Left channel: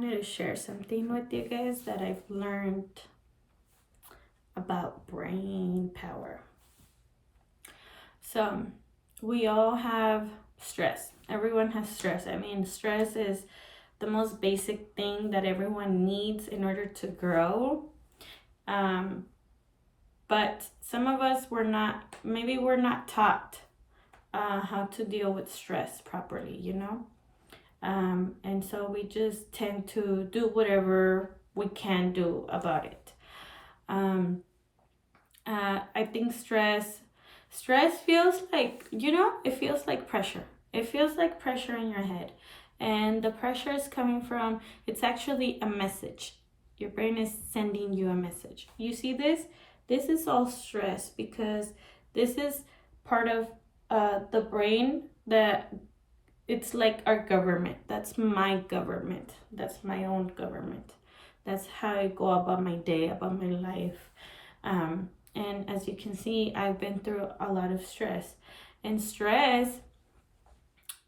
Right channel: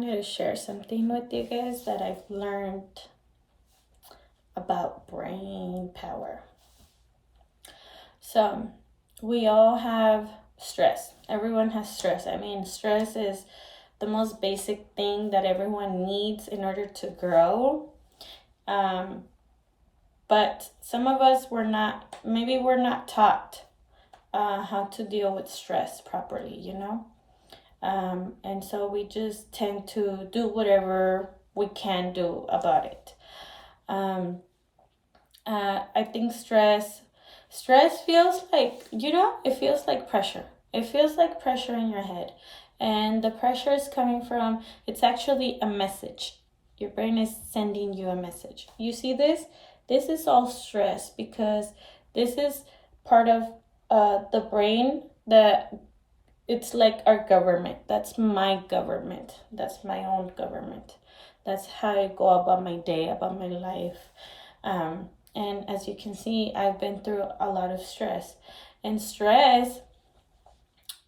wanted to share something with you guys that I've learned about brain power. So, we all have stress. Everyone has stress. I mean, stress is the most basic thing that everyone needs in order to grow. Um, but some of us maybe we're not taught how to deal with stress properly, and so we just tend to do whatever we can do about it. I think stress feels like, it feels like pressure. It feels like pressure in your head. And the pressure is coming from, it's actually a message. Your brain is sending you a message. You see this? This is all stress because this is part of the brain that it's like our government. That's my government. That's my own government. That's how I go about my day, about my life. And as you can see, I've been through a lot of stress. And stress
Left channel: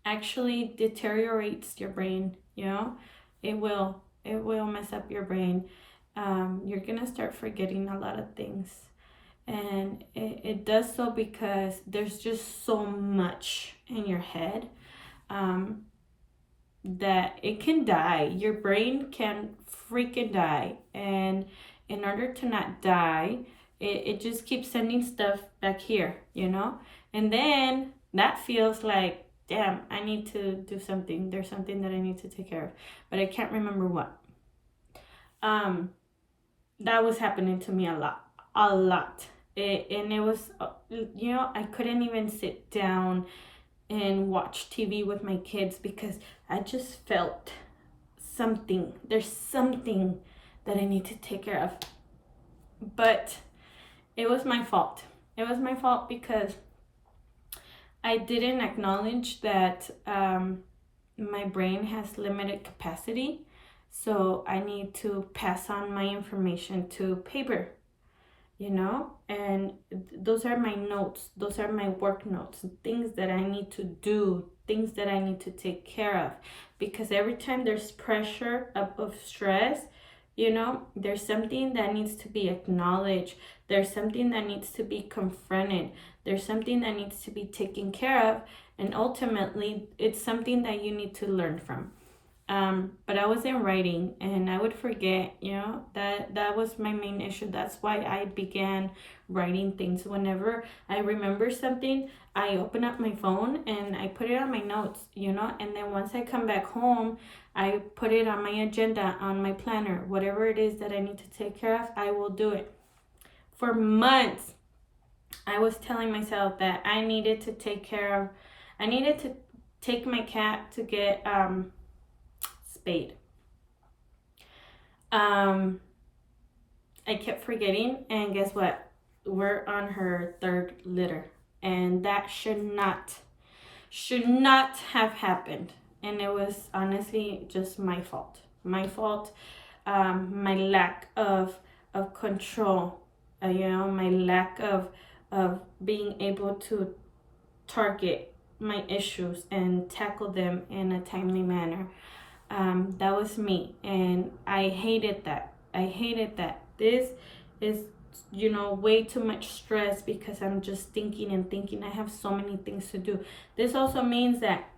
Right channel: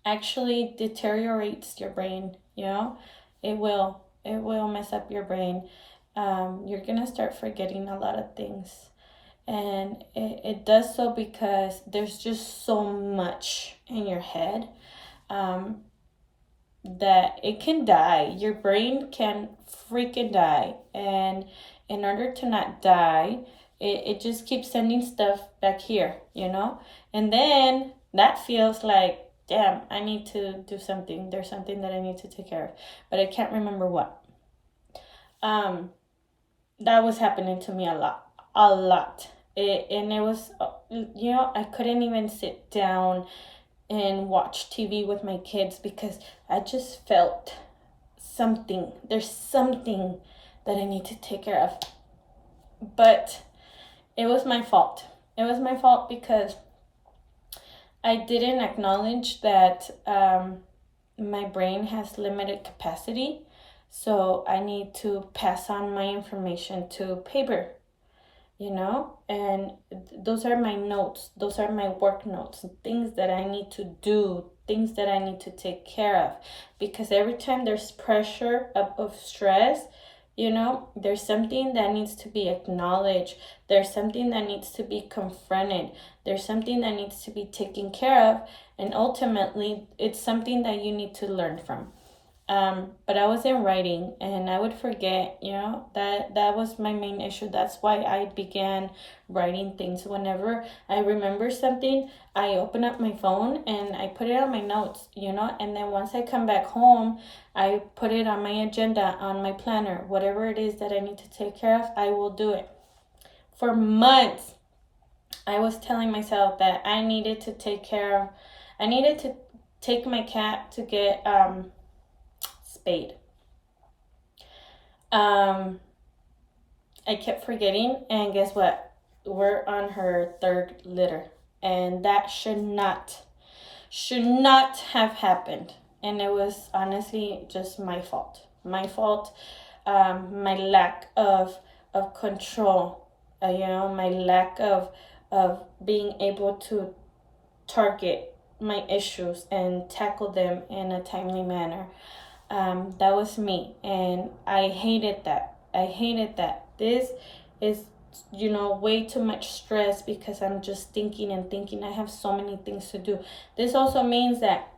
actually deteriorates your brain, It will mess up your brain. You're gonna start forgetting a lot of things. And it does so because there's just so much in your head that it can die. Your brain can freaking die. And in order to not die, it just keeps sending stuff back here, And then that feels like, damn, I need to do something. There's something that I need to take care of. But I can't remember what. That was happening to me a lot. And it was, I couldn't even sit down and watch TV with my kids because I just felt something. There's something that I need to take care of. But it was my fault. It was my fault because I didn't acknowledge that my brain has limited capacity. So I need to pass on my information to paper, and those are my notes. Those are my work notes, things that I need to do, things that I need to take care of. Because every time there's pressure of stress, there's something that needs to be acknowledged. There's something that needs to be confronted. There's something that needs to be taken care of. And ultimately, it's something that you need to learn from. But I wasn't writing and I would forget, that was my main issue. That's why I began writing things. Whenever I remember something, I open up my phone and I put it on my notes, and then once I come back home, I put it on my agenda, on my planner, whatever it is that I need to take care of, I will do it. For months, I was telling myself that I needed to take my cat to get, spayed. I kept forgetting, and guess what? We're on her third litter, and that should not have happened. And it was honestly just my fault. My lack of control. My lack of being able to target my issues and tackle them in a timely manner. That was me, and I hated that. This is, way too much stress because I'm just thinking and thinking. I have so many things to do. This also means that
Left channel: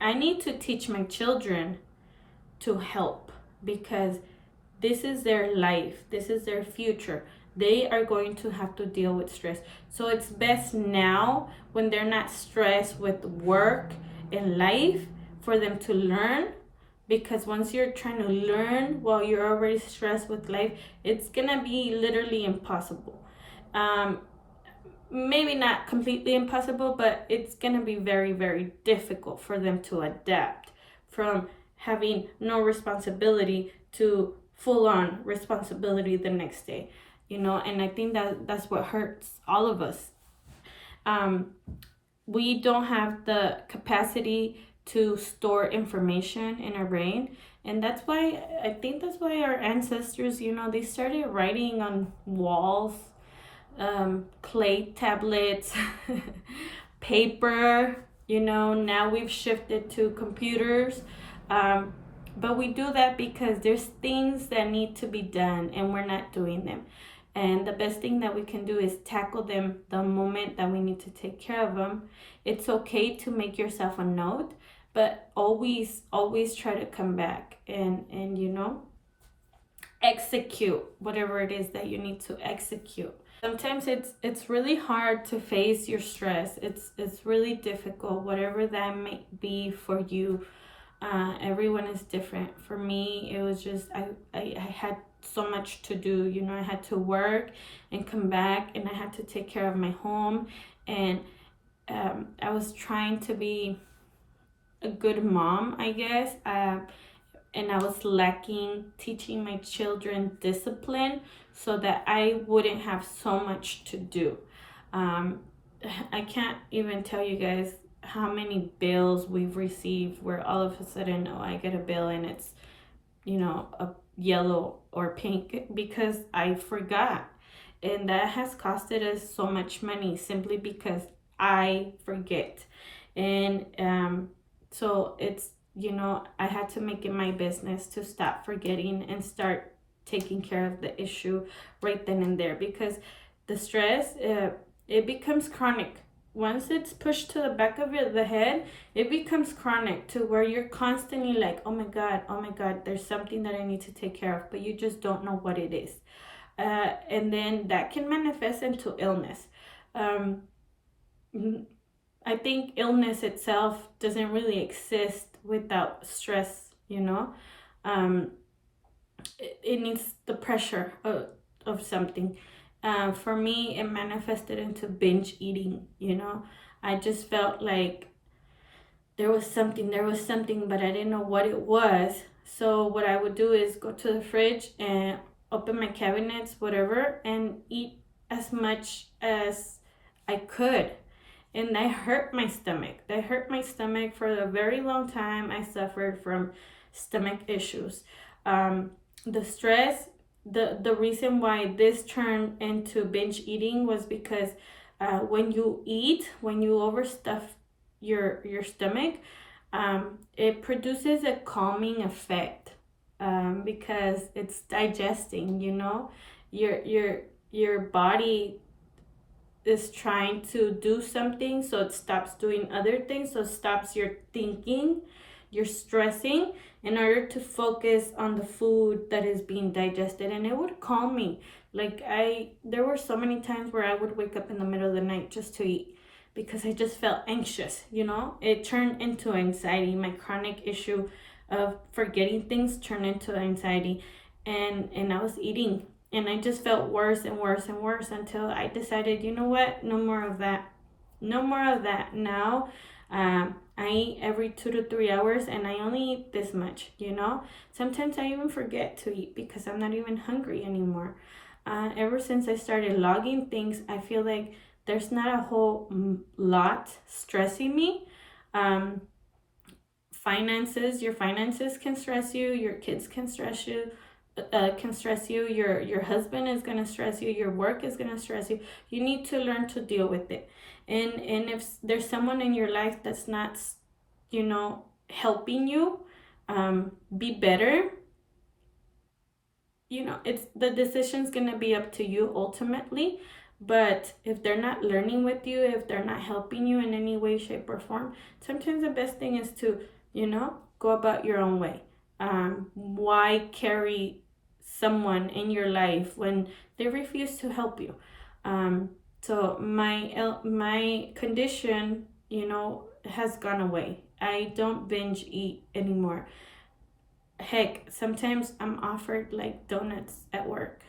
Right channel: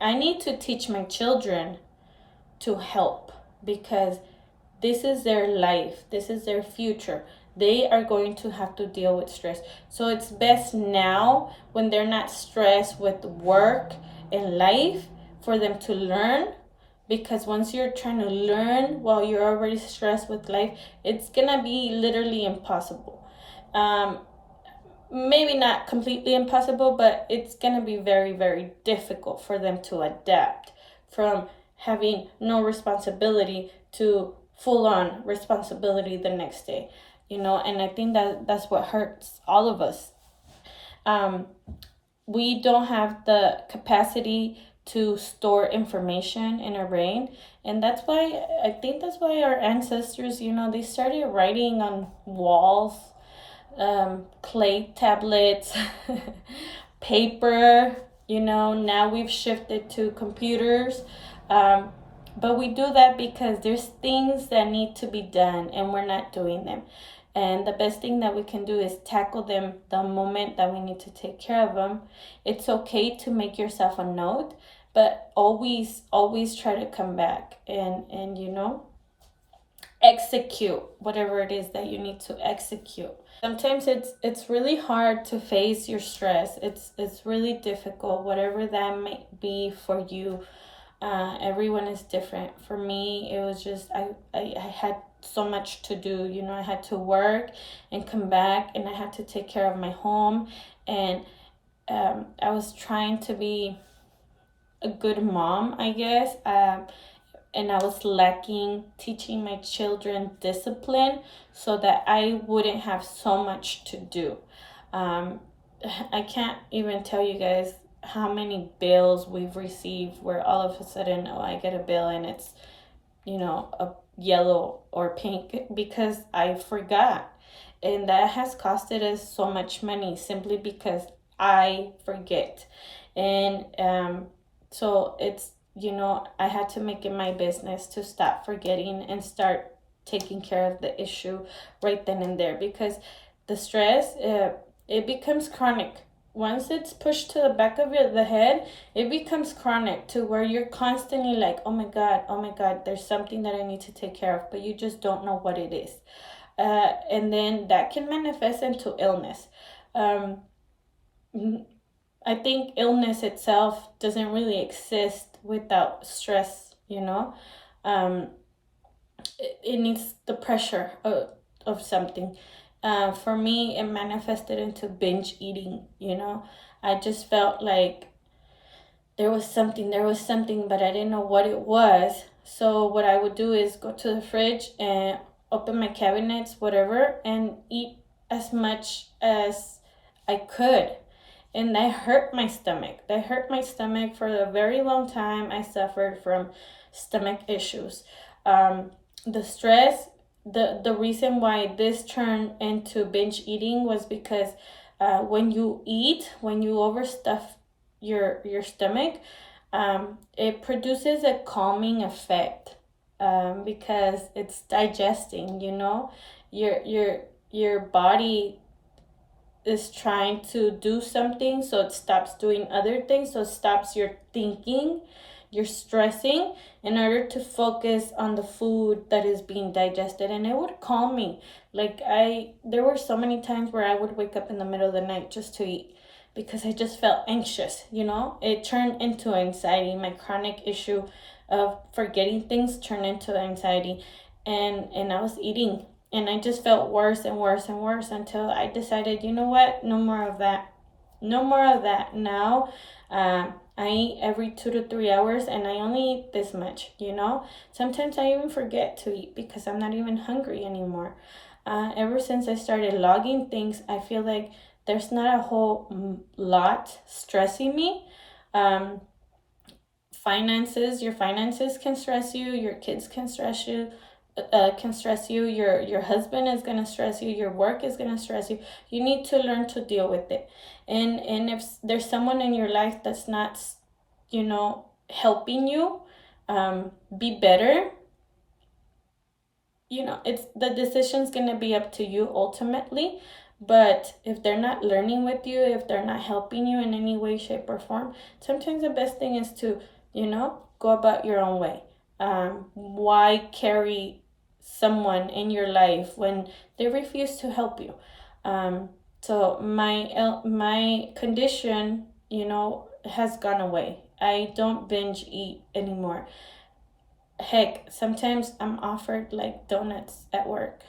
I need to teach my children to help because this is their life. This is their future. They are going to have to deal with stress. So it's best now, when they're not stressed with work and life, for them to learn. Because once you're trying to learn while you're already stressed with life, it's gonna be literally impossible. Maybe not completely impossible, but it's gonna be very, very difficult for them to adapt from having no responsibility to full-on responsibility the next day. And I think that's what hurts all of us. We don't have the capacity to store information in our brain, and that's why our ancestors, they started writing on walls, clay tablets, paper. Now we've shifted to computers, But we do that because there's things that need to be done and we're not doing them. And the best thing that we can do is tackle them the moment that we need to take care of them. It's okay to make yourself a note, but always try to come back and execute whatever it is that you need to execute. Sometimes it's really hard to face your stress. It's really difficult, whatever that may be for you. Everyone is different. For me, it was just I had so much to do. I had to work and come back, and I had to take care of my home, and I was trying to be a good mom, I guess. And I was lacking teaching my children discipline so that I wouldn't have so much to do. I can't even tell you guys how many bills we've received where all of a sudden, I get a bill and it's, a yellow or pink because I forgot. And that has costed us so much money simply because I forget. And so it's, I had to make it my business to stop forgetting and start taking care of the issue right then and there, because the stress, it becomes chronic. Once it's pushed to the back of the head, it becomes chronic to where you're constantly like, oh my God, there's something that I need to take care of, but you just don't know what it is. And then that can manifest into illness. I think illness itself doesn't really exist without stress, it needs the pressure of something. For me, it manifested into binge eating, I just felt like there was something, but I didn't know what it was. So what I would do is go to the fridge and open my cabinets, whatever, and eat as much as I could. And that hurt my stomach. For a very long time. I suffered from stomach issues. The stress, the reason why this turned into binge eating was because when you overstuff your stomach, it produces a calming effect, because it's digesting. Your body is trying to do something, so it stops doing other things, so it stops your thinking, your stressing, in order to focus on the food that is being digested. And it would calm me. There were so many times where I would wake up in the middle of the night just to eat, because I just felt anxious. It turned into anxiety. My chronic issue of forgetting things turned into anxiety, and I was eating, and I just felt worse and worse and worse until I decided, you know what? No more of that. Now, I eat every 2 to 3 hours, and I only eat this much, Sometimes I even forget to eat because I'm not even hungry anymore. Ever since I started logging things, I feel like there's not a whole lot stressing me. Your finances can stress you, your kids can stress you, your husband is going to stress you, your work is going to stress you. You need to learn to deal with it. And if there's someone in your life that's not helping you be better, it's the decision's going to be up to you ultimately. But if they're not learning with you, if they're not helping you in any way, shape, or form, sometimes the best thing is to go about your own way. Why carry someone in your life when they refuse to help you? So my condition, has gone away. I don't binge eat anymore. Heck, sometimes I'm offered like donuts at work,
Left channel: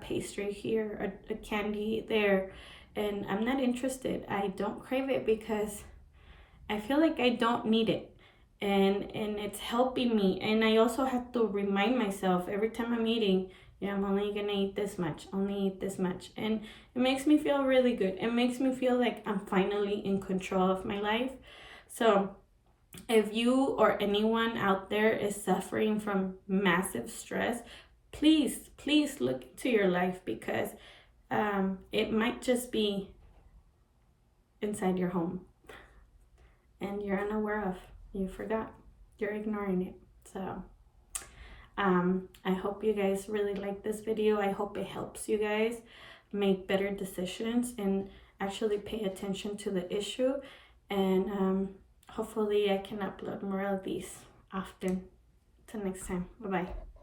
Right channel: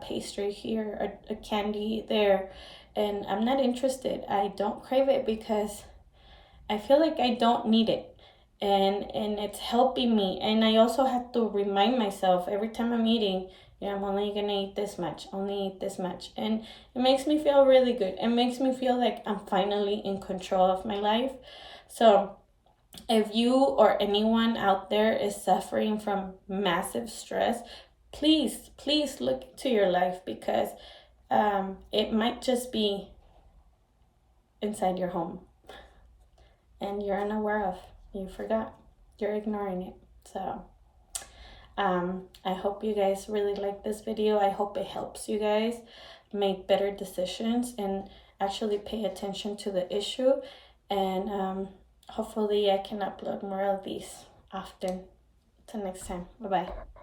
pastry here, a candy there, and I'm not interested. I don't crave it because I feel like I don't need it. And it's helping me. And I also have to remind myself every time I'm eating, I'm only gonna eat this much, and it makes me feel really good. It makes me feel like I'm finally in control of my life. So if you or anyone out there is suffering from massive stress, please look into your life, because it might just be inside your home and you're unaware of. You forgot. You're ignoring it. So I hope you guys really like this video. I hope it helps you guys make better decisions and actually pay attention to the issue. And hopefully I can upload more of these often. Till next time. Bye bye.